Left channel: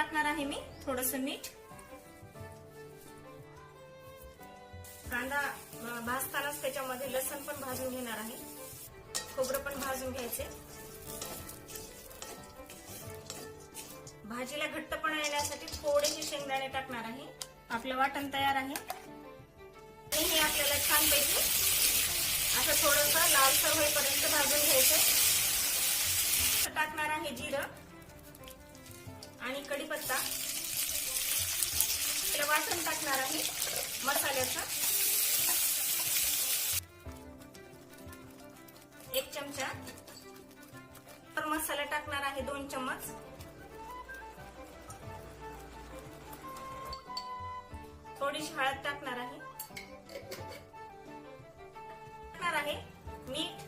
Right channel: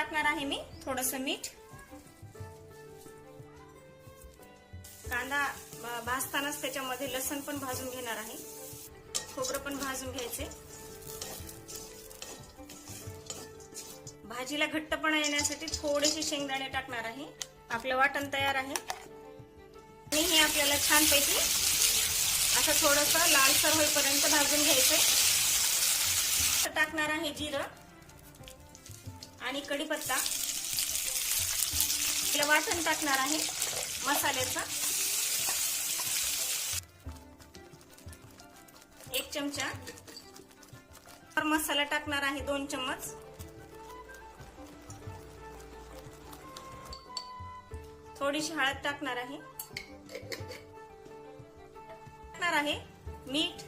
टाकणार आहे मी थोडंसं मीठ. कांदा भाजतानाच त्याच्यामध्ये लसूण पण भाजून घेणार आहे, खोबरं पण भाजून घ्यायचे. भाजीला घट्टपणा येण्यासाठी थोडेसे शेंगदाणे टाकणार आहे. आपलं वाटण तयार आहे. हे आपल्याला छानपैकी असं थोडंसं लालसर होईपर्यंत भाजून घ्यायचंय. टाकणार आहे जिरं आणि कढीपत्ता. वाटण टाकणार आहे मसाल्याचं 1 चमचा. मसाला टाकणार आहे 2 चम्मच. थोडीशी हळद टाकणार आहे. मीठ